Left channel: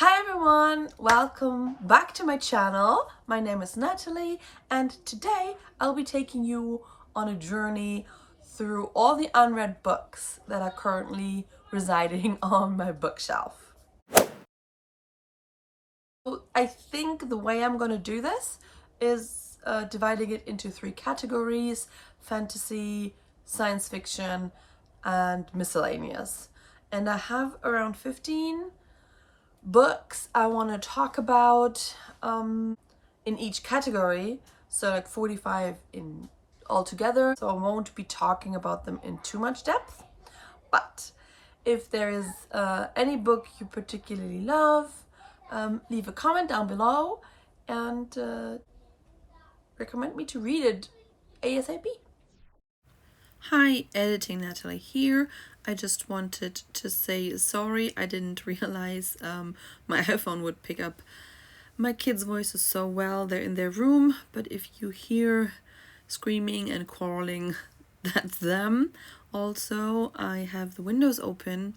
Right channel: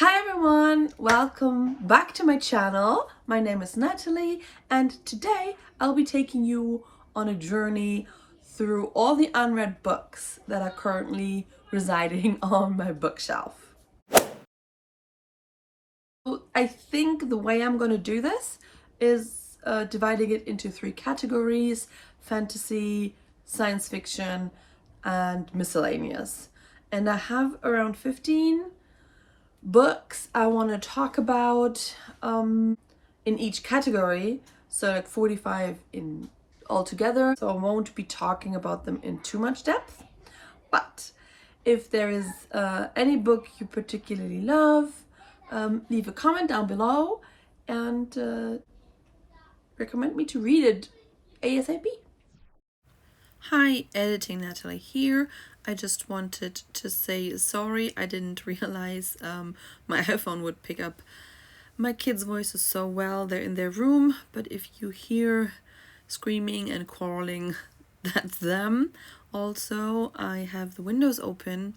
Hi everyone, welcome back to my channel. My name is Natalie and today I'll be taking you on a journey through all the unread books that are currently residing on my bookshelf. I think the way I'm going to do this is dividing it into three categories: fantasy, science fiction, and miscellaneous. And I have around 15 books I want to talk about in each category, so like 45 in altogether. So I won't be talking about them in too much depth, but if there is any book you particularly love, leave a comment down below and recommend me to read it ASAP. Hi, Editing Natalie here. I just wanted to say sorry. I didn't realize my iPhone would pick up my kids' voices so well. They're in their room, but if you hear screaming and quarreling, that's them. Also, I have the windows open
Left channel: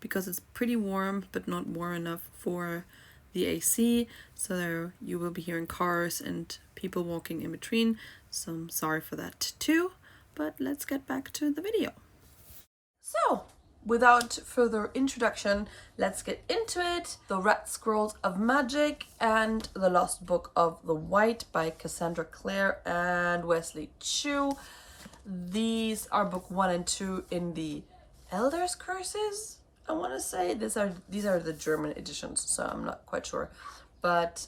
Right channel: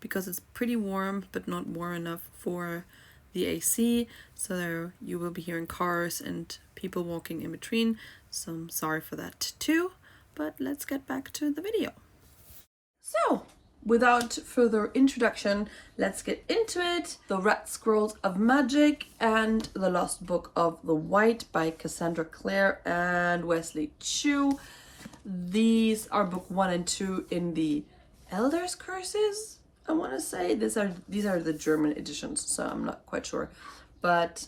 because it's pretty warm, but not warm enough for the AC. So there you will be hearing cars and people walking in between. So I'm sorry for that too. But let's get back to the video. So, without further introduction, let's get into it. The Red Scrolls of Magic and The Lost Book of the White by Cassandra Clare and Wesley Chu. These are book 1 and 2 in the Elder's Curses, I want to say. These are the German editions, so I'm not quite sure. But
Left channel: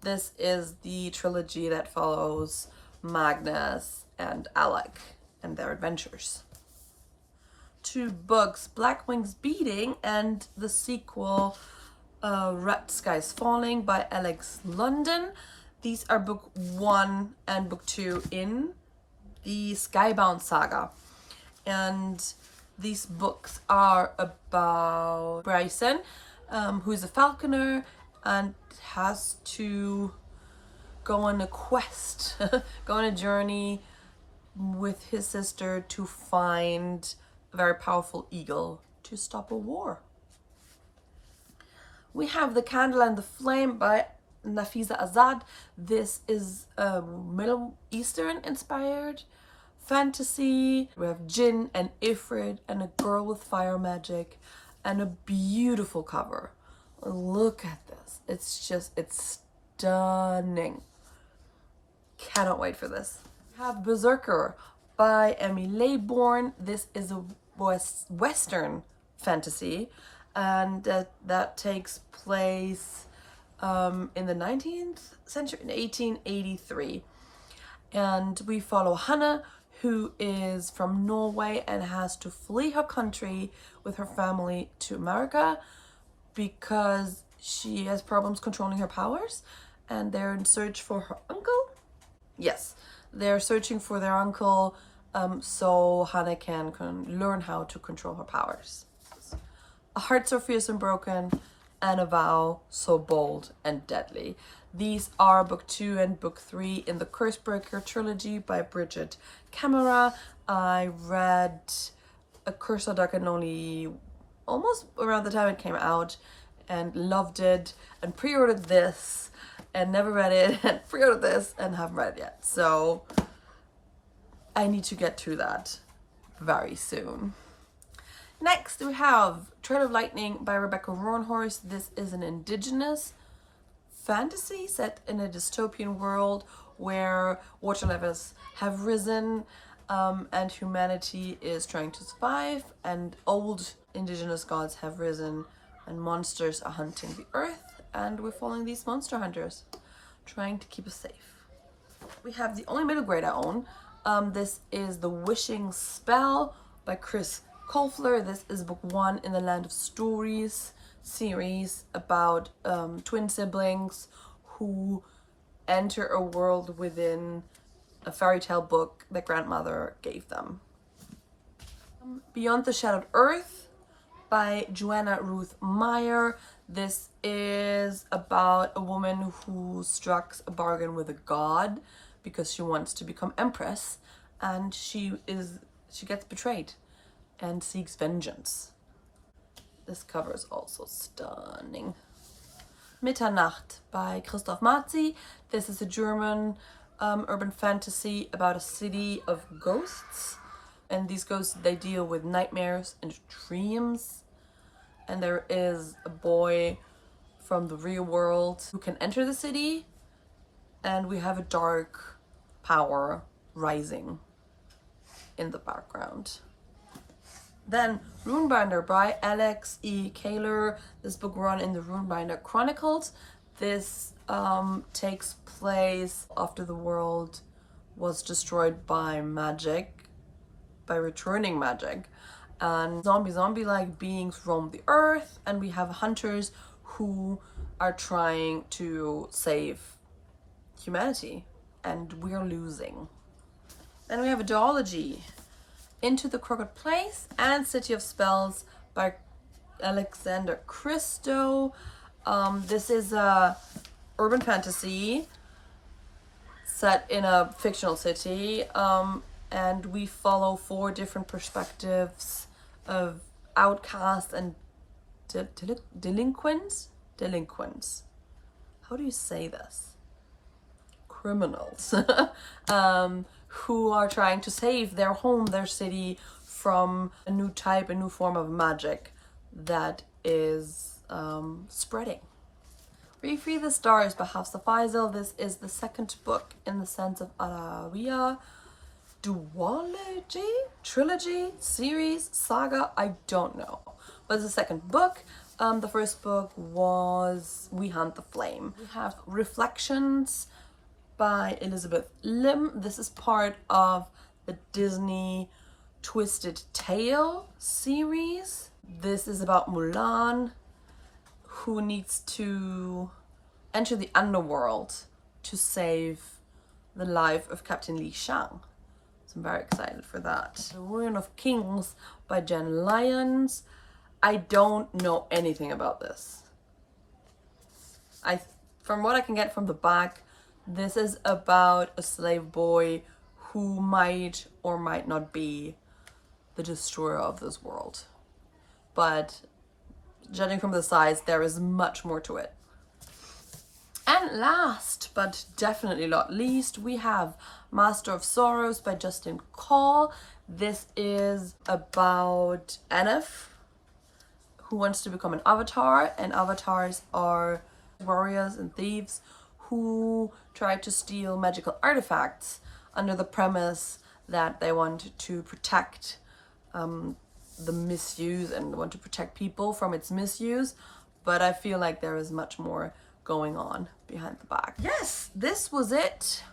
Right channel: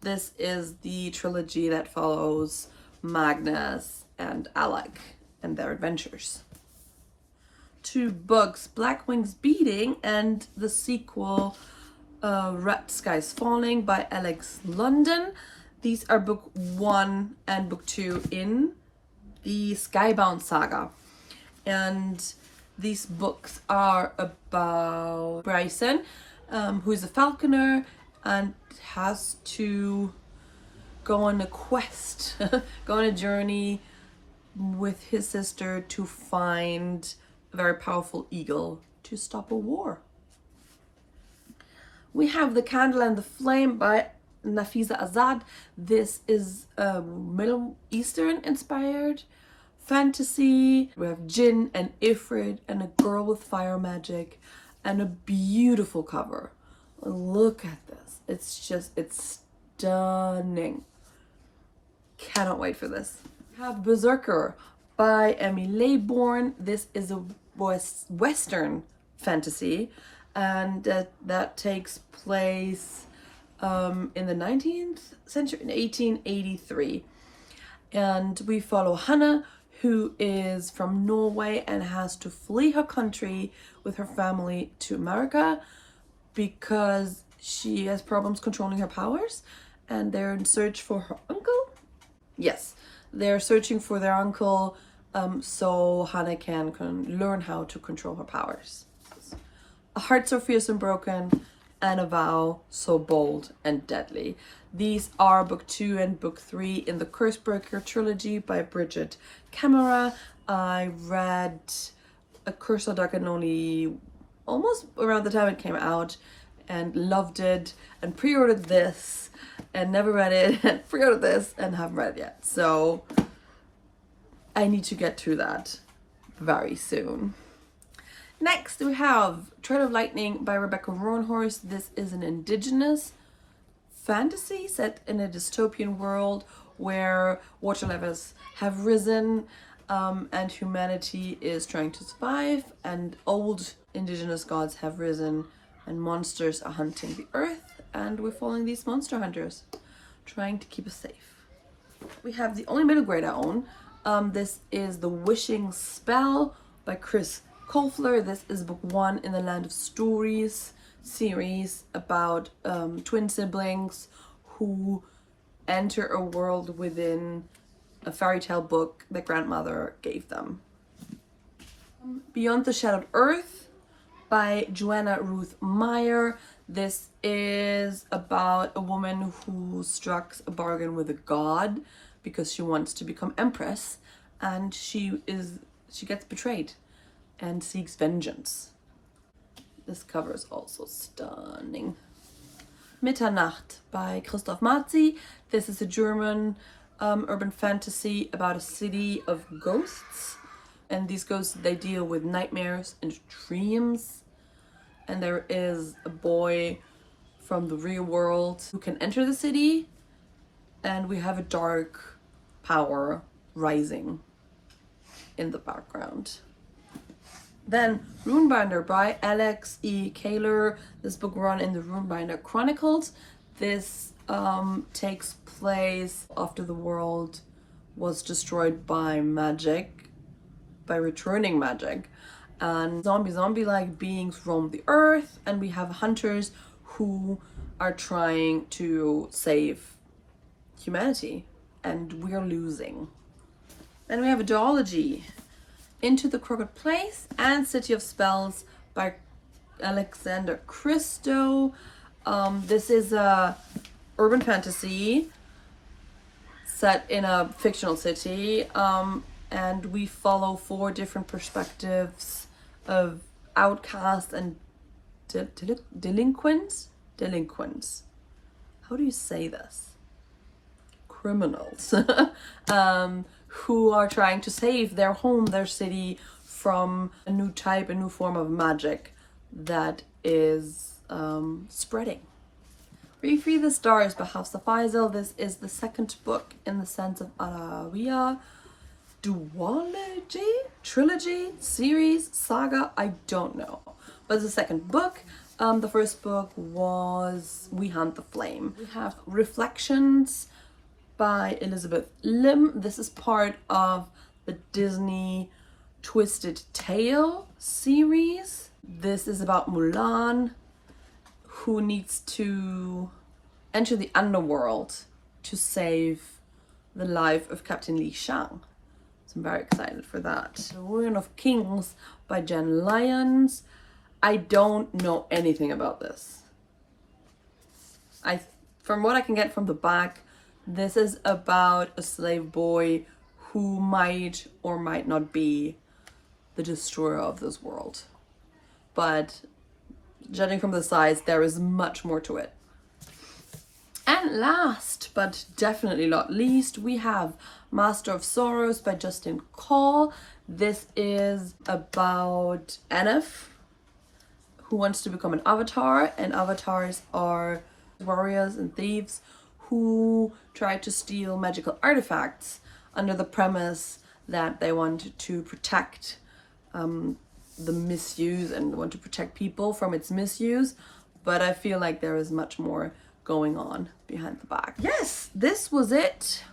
this is the trilogy that follows Magnus and Alec and their adventures. 2 books, Black Wings Beating and the sequel Red Skies Falling by Alex London. These are book 1 and book 2 in the Skybound saga. And these books are about Bryson, who's a falconer and has to go on a quest, go on a journey with his sister to find a very powerful eagle to stop a war. We have The Candle and the Flame by Nafisa Azad. This is a Middle Eastern inspired fantasy. We have Jinn and Ifrit and a girl with fire magic and a beautiful cover. Look at this. It's stunning. Cannot wait for this. We have Berserker by Emmy Laybourne. This is a Western fantasy, and that takes place in the 19th century, in 1883. And we follow Hannah, who is from Norway and has to flee her country with her family to America because she has problems controlling her powers, and they're in search for her uncle. Yes, they're searching for their uncle, so Hannah can learn how to control her powers. A Heart So Fierce and Broken and A Vow So Bold and Deadly. These are book 2 and book 3 in the Cursebreaker trilogy by Bridget Camera. I read A Curse of Dark and Lonely almost around the time it came out and loved it and pre-ordered this and never read it and pre-ordered this and haven't read it yet. So I need to get through that very soon. Next we have Tread of Lightning by Rebecca Roanhorse. This is an indigenous fantasy set in a dystopian world where water levels have risen and humanity is trying to survive, and old indigenous gods have risen and monsters are hunting the earth, and we're following these monster hunters trying to keep us safe. We have the only middle grade I own. This is The Wishing Spell by Chris Colfler. This is book 1 in the Land of Stories series about twin siblings who enter a world within a fairy tale book that grandmother gave them. Beyond the Shadowed Earth by Joanna Ruth Meyer. This is about a woman who strikes a bargain with a god because she wants to become empress, and she gets betrayed and seeks vengeance. This cover is also stunning. Mitternacht by Christoph Marzi. This is a German urban fantasy about a city of ghosts. And these ghosts, they deal with nightmares and dreams. And there is a boy from the real world who can enter the city. And we have a dark power rising in the background. Then Runebinder by Alex E. Kaler. This book run in the Runebinder Chronicles. This takes place after the world was destroyed by magic, by returning magic. And zombie-like beings roam the earth, and we have hunters who are trying to save humanity, and we're losing. Then we have a duology, Into the Crooked Place and City of Spells by Alexander Christo. This is a urban fantasy set in a fictional city, and we follow 4 different perspectives of outcasts and delinquents. How do you say this? Criminals. Who are trying to save their home, their city, from a new form of magic that is spreading. Free the Stars by Hafsa Faisal. This is the second book in the sense of Alawiya duology, trilogy, series, saga, I don't know. But it's the second book. The first book was We Hunt the Flame. We have Reflections by Elizabeth Lim. This is part of the Disney Twisted Tale series. This is about Mulan, who needs to enter the underworld to save the life of Captain Li Shang. So I'm very excited for that. The Ruin of Kings by Jen Lyons. I don't know anything about this. From what I can get from the back, this is about a slave boy who might or might not be the destroyer of this world. But judging from the size, there is much more to it. And last, but definitely not least, we have Master of Sorrows by Justin Call. This is about Anif, who wants to become an avatar, and avatars are warriors and thieves who try to steal magical artifacts under the premise that they want to protect the misuse and want to protect people from its misuse. But I feel like there is much more going on behind the back. Yes, this was it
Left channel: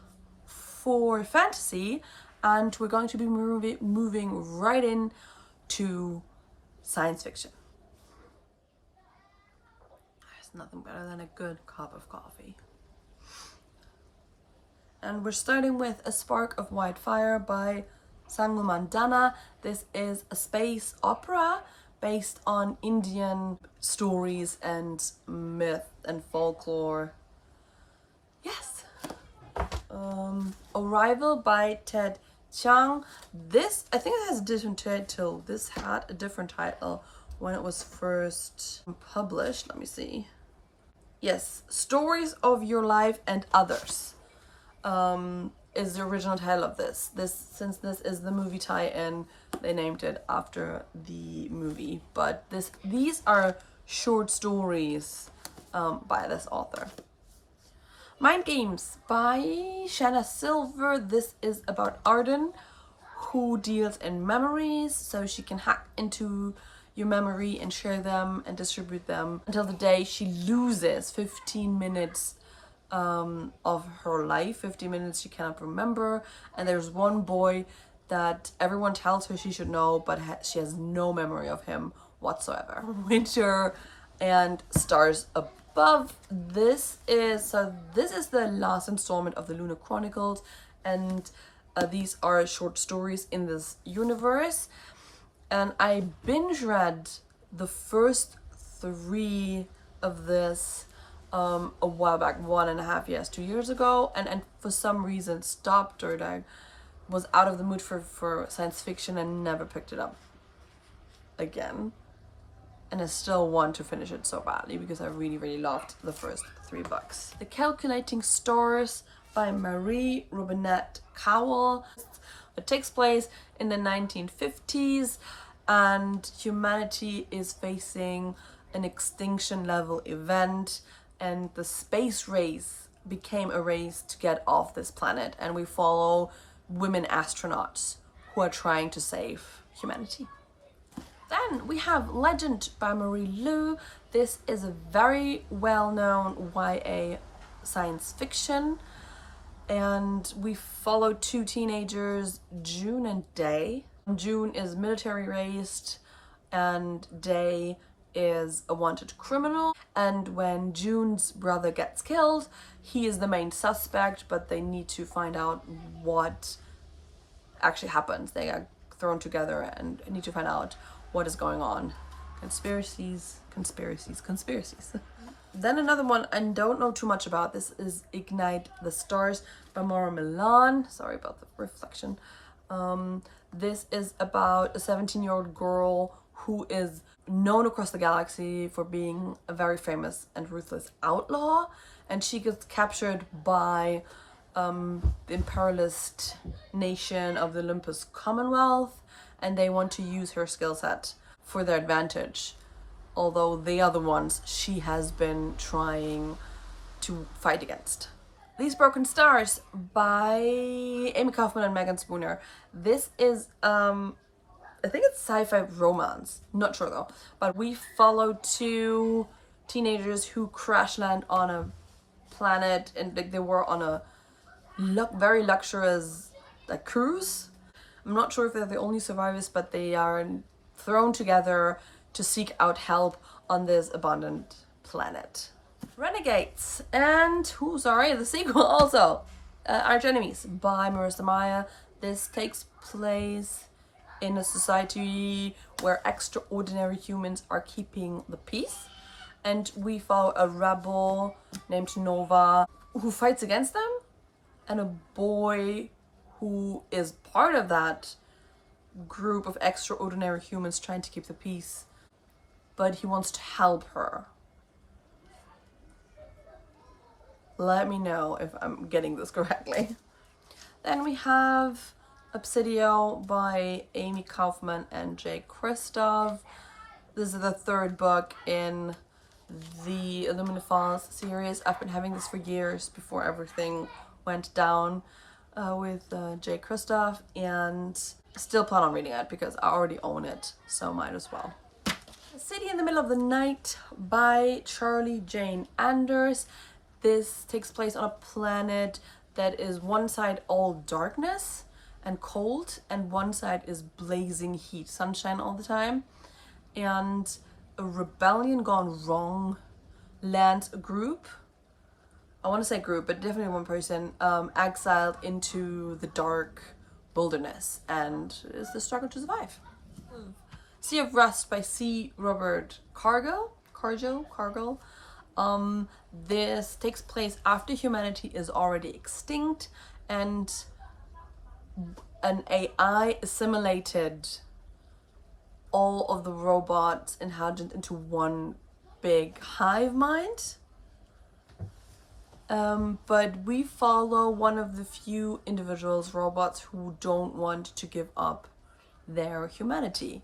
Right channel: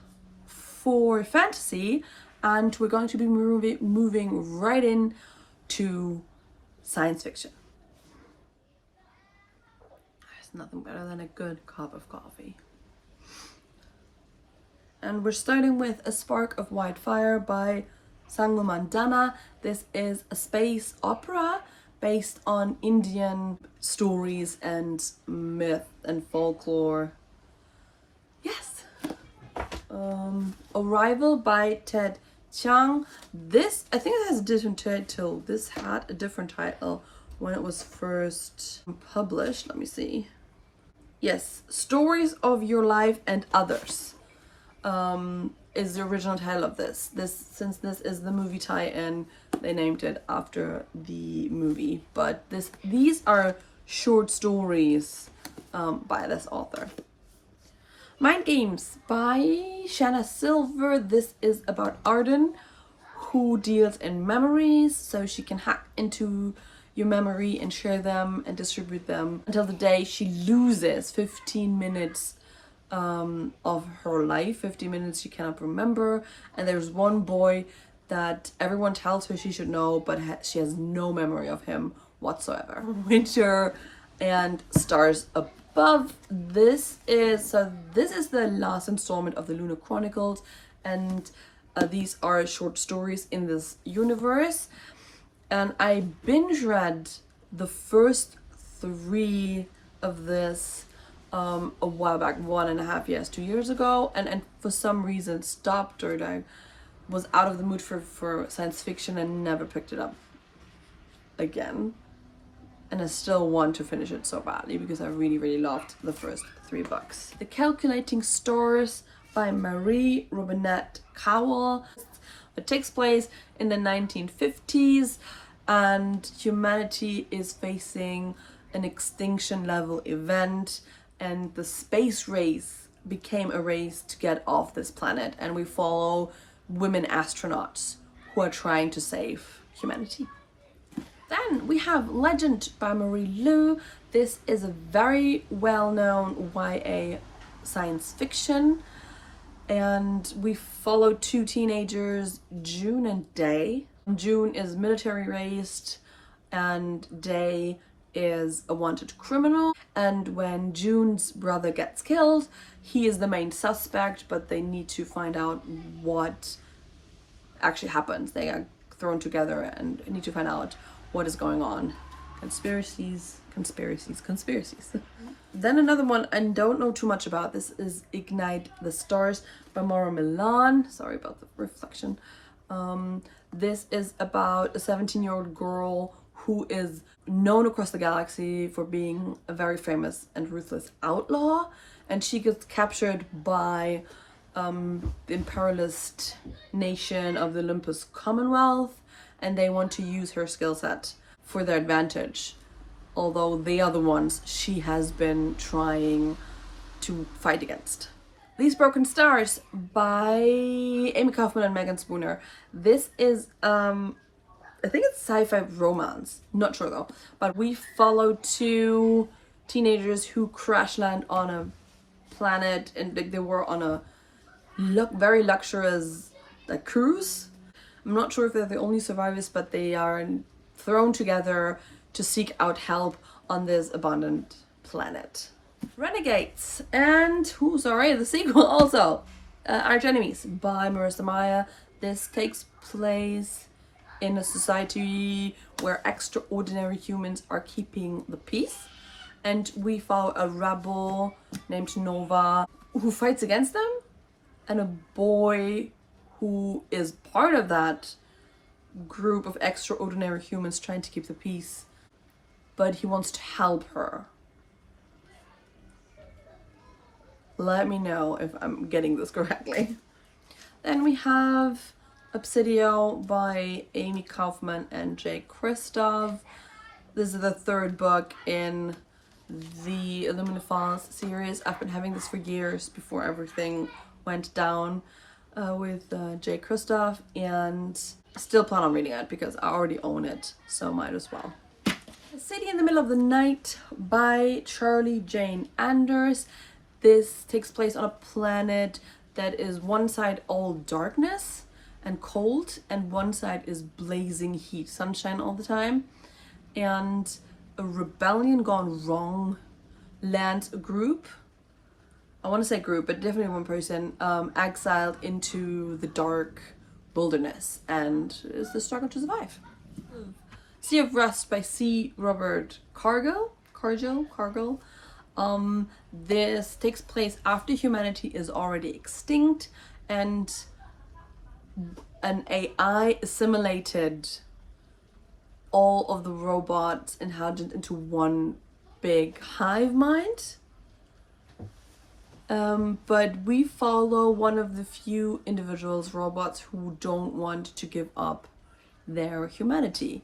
for fantasy, and we're going to be moving right in to science fiction. There's nothing better than a good cup of coffee. And we're starting with A Spark of White Fire by Sangu Mandana. This is a space opera based on Indian stories and myth and folklore. Yes. Arrival by Ted Chiang. This, I think it has a different title. This had a different title when it was first published. Let me see. Yes, Stories of Your Life and Others. Is the original title of this. Since this is the movie tie-in, they named it after the movie. But these are short stories by this author. Mind Games by Shanna Silver. This is about Arden, who deals in memories, so she can hack into your memory and share them and distribute them until the day she loses 15 minutes of her life, 15 minutes she cannot remember. And there's one boy that everyone tells her she should know, but she has no memory of him whatsoever. Winter and Stars Above. This is the last installment of the Lunar Chronicles, and these are short stories in this universe. And I binge read the first 3 of this a while back, 1.5 years, 2 years ago, and for some reason stopped, or I was out of the mood for science fiction and never picked it up again. and I still want to finish it so badly because I really, really loved the first 3 books. The Calculating Stars by Marie Robinette Kowal. It takes place in the 1950s and humanity is facing an extinction level event, and the space race became a race to get off this planet, and we follow women astronauts who are trying to save humanity. Then we have Legend by Marie Lu. This is a very well-known YA science fiction, and we follow 2 teenagers, June and Day. June is military raised and Day is a wanted criminal, and when June's brother gets killed, he is the main suspect, but they need to find out what actually happens. They are thrown together and need to find out what is going on. Conspiracies. Then another one I don't know too much about. This is Ignite the Stars by Maura Milan. Sorry about the reflection. This is about a 17-year-old girl who is known across the galaxy for being a very famous and ruthless outlaw, and she gets captured by the imperialist nation of the Olympus Commonwealth, and they want to use her skill set for their advantage, although they are the ones she has been trying to fight against. These Broken Stars by Amy Kaufman and Megan Spooner. This is I think it's sci-fi romance, not sure though, but we follow 2 teenagers who crash land on a planet, and they were on a very luxurious cruise. I'm not sure if they're the only survivors, but they are thrown together to seek out help on this abandoned planet. Renegades, and the sequel also, Arch Enemies by Marissa Meyer. This takes place in a society where extraordinary humans are keeping the peace, and we follow a rebel named Nova who fights against them, and a boy who is part of that group of extraordinary humans trying to keep the peace, but he wants to help her. Let me know if I'm getting this correctly. Then we have Obsidio by Amy Kaufman and Jay Kristoff. This is the 3rd book in the Illumina Falls series. I've been having this for years before everything went down with Jay Kristoff, and still plan on reading it because I already own it, so might as well. A City in the Middle of the Night by Charlie Jane Anders. This takes place on a planet that is one side all darkness and cold, and one side is blazing heat, sunshine all the time. And a rebellion gone wrong lands a group, I want to say group, but definitely one person, exiled into the dark wilderness, and is the struggle to survive. Sea of Rust by C. Robert Cargill. This takes place after humanity is already extinct, and an AI assimilated all of the robots inhabited into one big hive mind. But we follow one of the few individuals, robots, who don't want to give up their humanity.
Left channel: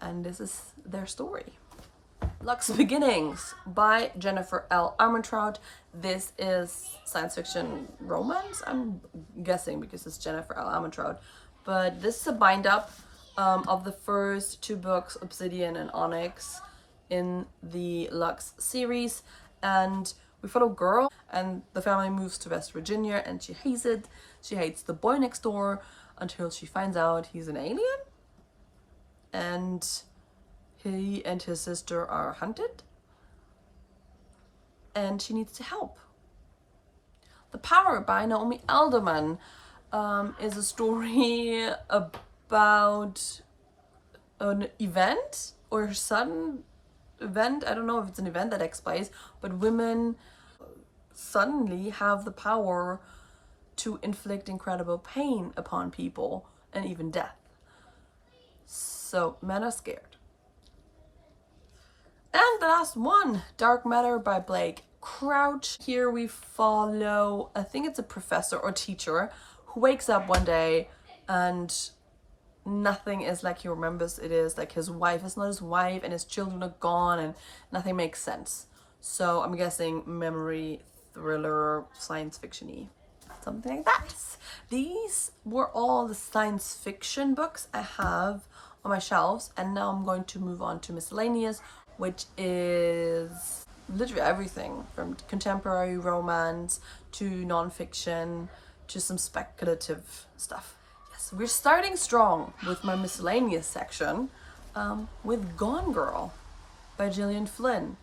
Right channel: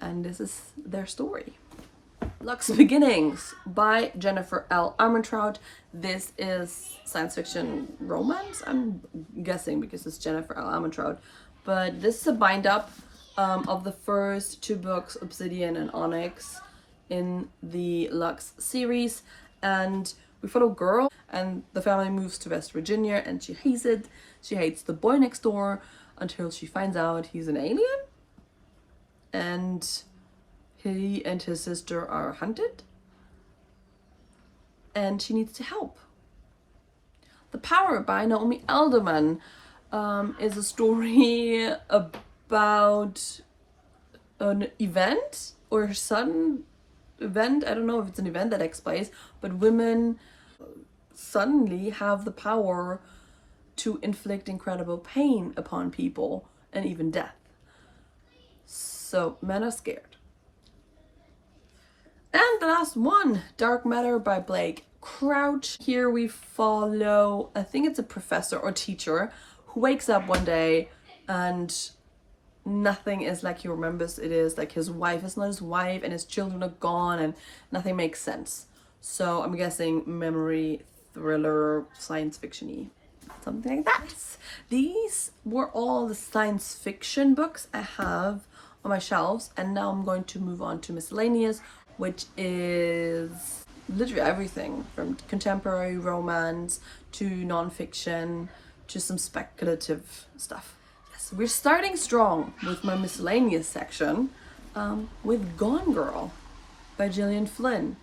And this is their story. Luck's Beginnings by Jennifer L. Armentrout. This is science fiction romance, I'm guessing, because it's Jennifer L. Armentrout. But this is a bind-up of the first 2 books, Obsidian and Onyx, in the Lux series. And we follow a girl, and the family moves to West Virginia, and she hates it. She hates the boy next door until she finds out he's an alien, and he and his sister are hunted, and she needs to help. The Power by Naomi Alderman is a story about an event or a sudden event. I don't know if it's an event that takes place, but women suddenly have the power to inflict incredible pain upon people and even death. So men are scared. And the last one, Dark Matter by Blake Crouch. Here we follow, I think it's a professor or teacher who wakes up one day and nothing is like he remembers it is. Like his wife is not his wife and his children are gone and nothing makes sense. So I'm guessing memory, thriller, science fiction-y, something like that. These were all the science fiction books I have on my shelves, and now I'm going to move on to miscellaneous, which is literally everything from contemporary romance to nonfiction to some speculative stuff. Yes, we're starting strong with my miscellaneous section with Gone Girl by Gillian Flynn.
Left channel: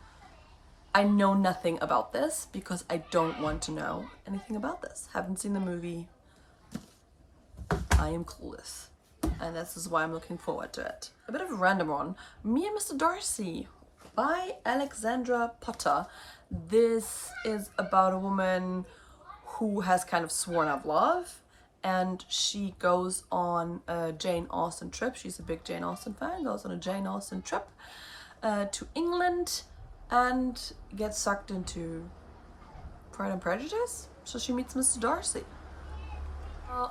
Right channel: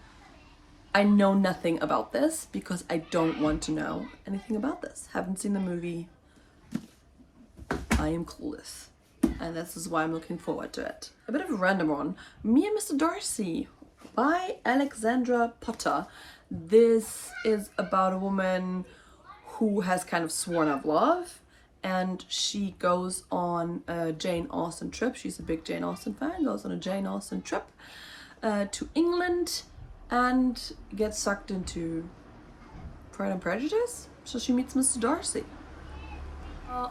I know nothing about this because I don't want to know anything about this. Haven't seen the movie. I am clueless. And this is why I'm looking forward to it. A bit of a random one. Me and Mr. Darcy by Alexandra Potter. This is about a woman who has kind of sworn out love, and she goes on a Jane Austen trip. She's a big Jane Austen fan, goes on a Jane Austen trip to England and gets sucked into Pride and Prejudice. So she meets Mr. Darcy.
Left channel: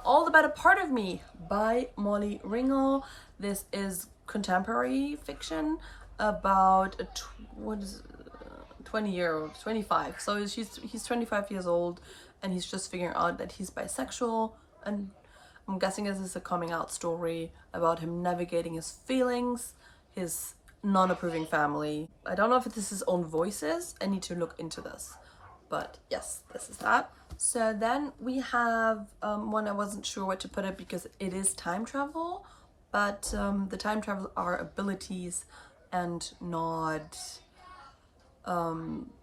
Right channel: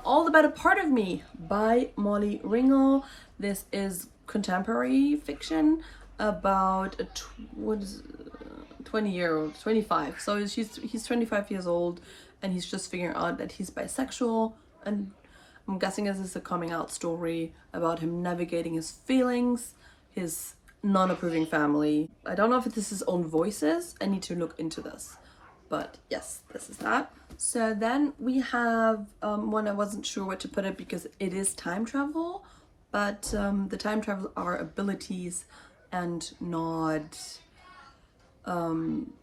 All the Better Part of Me by Molly Ringwald. This is contemporary fiction about a 20-year-old, 25. So he's 25 years old and he's just figuring out that he's bisexual, and I'm guessing this is a coming out story about him navigating his feelings, his non-approving family. I don't know if this is his own voices. I need to look into this. But yes, this is that. So then we have one I wasn't sure where to put it because it is time travel, but the time travel are abilities and not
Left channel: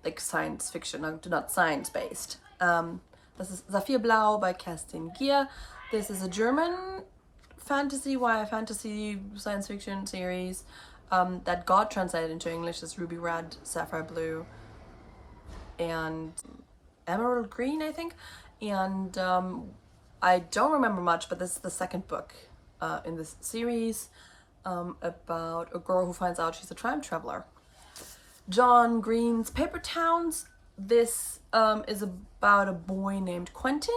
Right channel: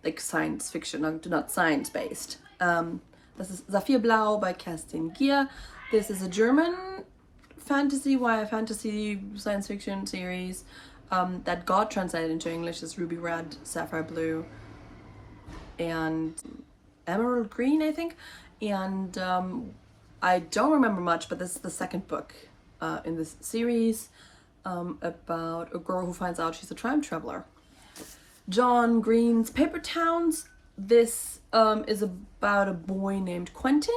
like science fiction, not science based. This is Saphir Blau by Kerstin Gier. This is a German fantasy, YA fantasy science fiction series that got translated into English as Ruby Red, Sapphire Blue, and Emerald Green, I think. And I don't remember much, but this is the second book in this series about a girl who finds out she's a time traveler. John Green's Paper Towns. This is about a boy named Quentin,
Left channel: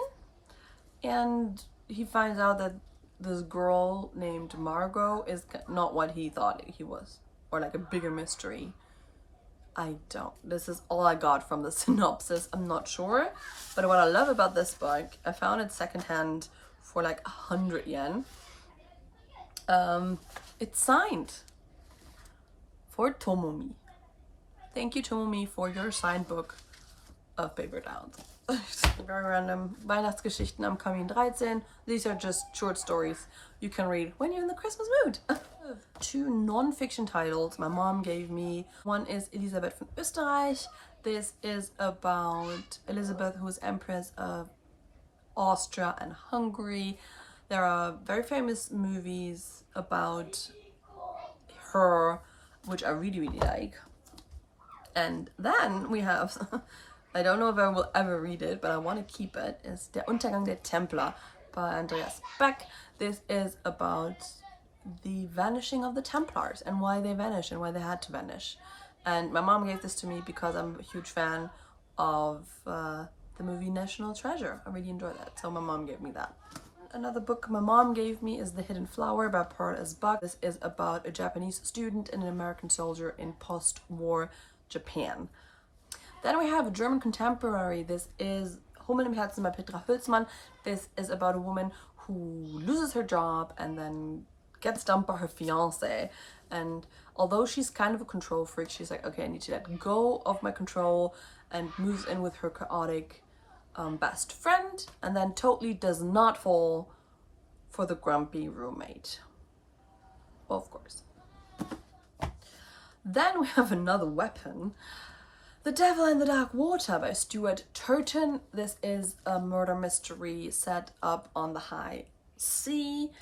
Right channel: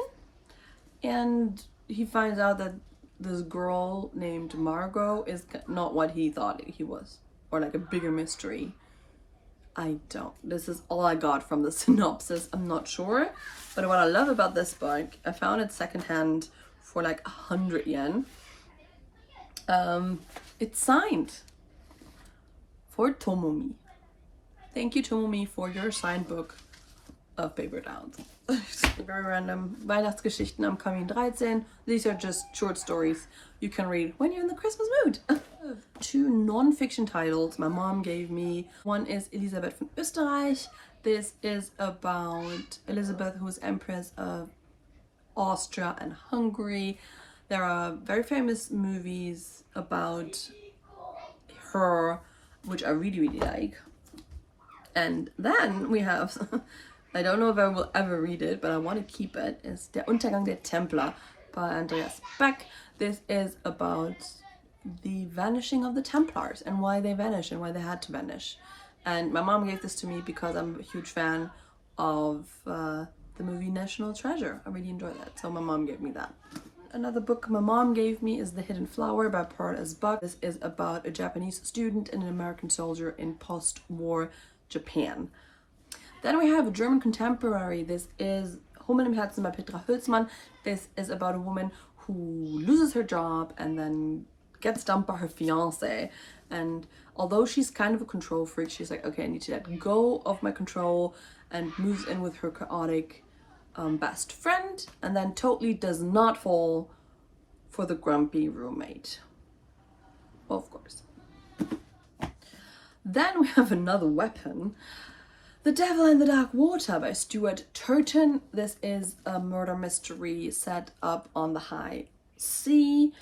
and he finds out that this girl named Margot is not what he thought he was, or like a bigger mystery. This is all I got from the synopsis. I'm not sure, but what I love about this book, I found it secondhand for like 100 yen. It's signed for Tomomi. Thank you, Tomomi, for your signed book of Paper Towns. Very random. Weihnachtsgeschichten am Kamin 13. These are just short stories you can read when you're in the Christmas mood. Two non-fiction titles my mom gave me. One is Elisabeth von Österreich. This is about Elizabeth, who is Empress of Austria and Hungary. There are very famous movies about her, which I really, really like. And then we have, I don't know if I will ever read it, but I want to keep it, is Der Untergang der Templer by Andreas Beck. This is about the vanishing of the Templars and why they vanished and why they had to vanish. And my mom gave this to me because I'm a huge fan of the movie National Treasure. I really enjoy that, so my mom gave me that. Another book my mom gave me is The Hidden Flower by Pearl S. Buck. This is about a Japanese student and an American soldier in post-war Japan. Then we have a German contemporary. This is Hummeln im Herzen by Petra Hülsmann. This is about a woman who loses her job and then gets dumped by her fiance. And although she's kind of a control freak, she's like, okay, I need to let go of my control, and moves in with her chaotic best friend, and then totally does not fall for the grumpy roommate. Well, of course. Then we have another weapon, The Devil in the Dark Water by Stuart Turton. This is a murder mystery set up on the high sea.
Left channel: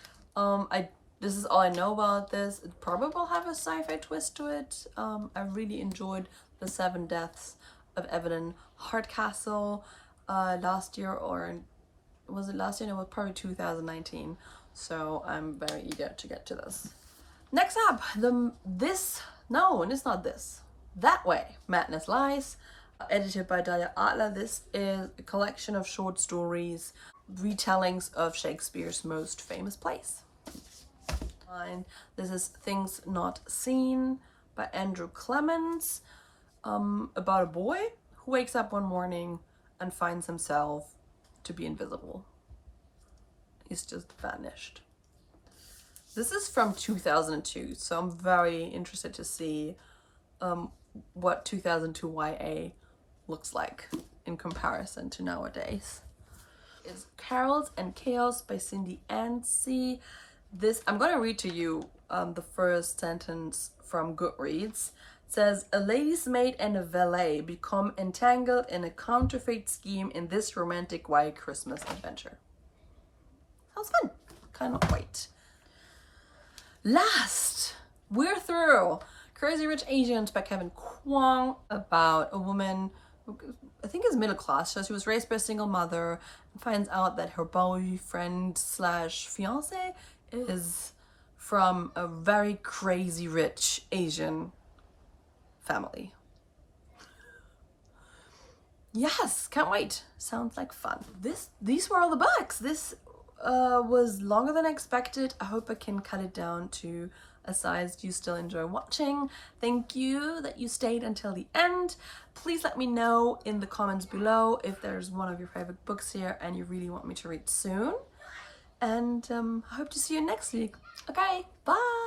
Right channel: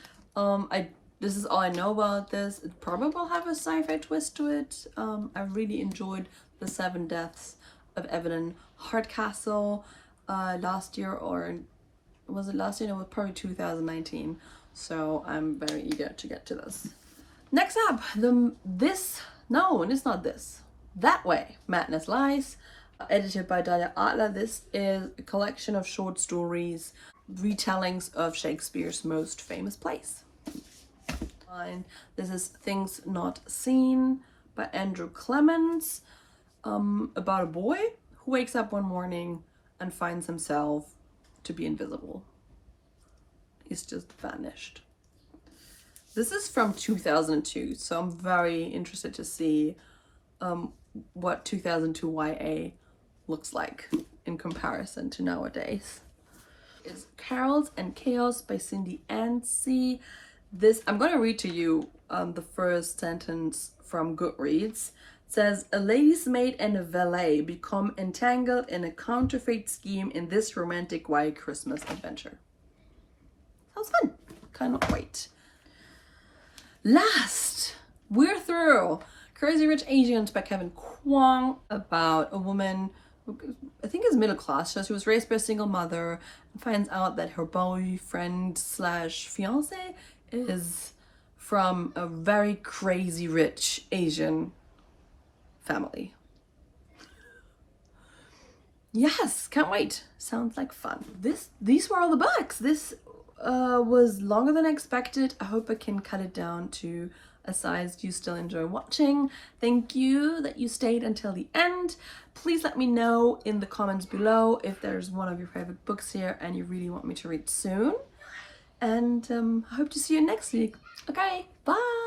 This is all I know about this. It probably will have a sci-fi twist to it. I really enjoyed The Seven Deaths of Evelyn Hardcastle last year, or was it last year? No, it was probably 2019. So I'm very eager to get to this. Next up, it's not this. That Way, Madness Lies, edited by Dahlia Adler. This is a collection of short stories, retellings of Shakespeare's most famous plays. And this is Things Not Seen by Andrew Clements, about a boy who wakes up one morning and finds himself to be invisible. He's just vanished. This is from 2002, so I'm very interested to see what 2002 YA looks like in comparison to nowadays. It's Carols and Chaos by Cindy Anstey. This, I'm going to read to you the first sentence from Goodreads. It says, a lady's maid and a valet become entangled in a counterfeit scheme in this romantic white Christmas adventure. Sounds fun. Cannot wait. Last, we're through Crazy Rich Asians by Kevin Kwong, about a woman who I think is middle class. So she was raised by a single mother and finds out that her boyfriend slash fiance is from a very crazy rich Asian family. Yes, can't wait. Sounds like fun. These were all the books. This was longer than expected. I hope I can cut it down to a size you still enjoy watching. Thank you that you stayed until the end. Please let me know in the comments below if there's one of your favorite books here and you really want me to read soon. And I hope to see you next week. Okay, bye!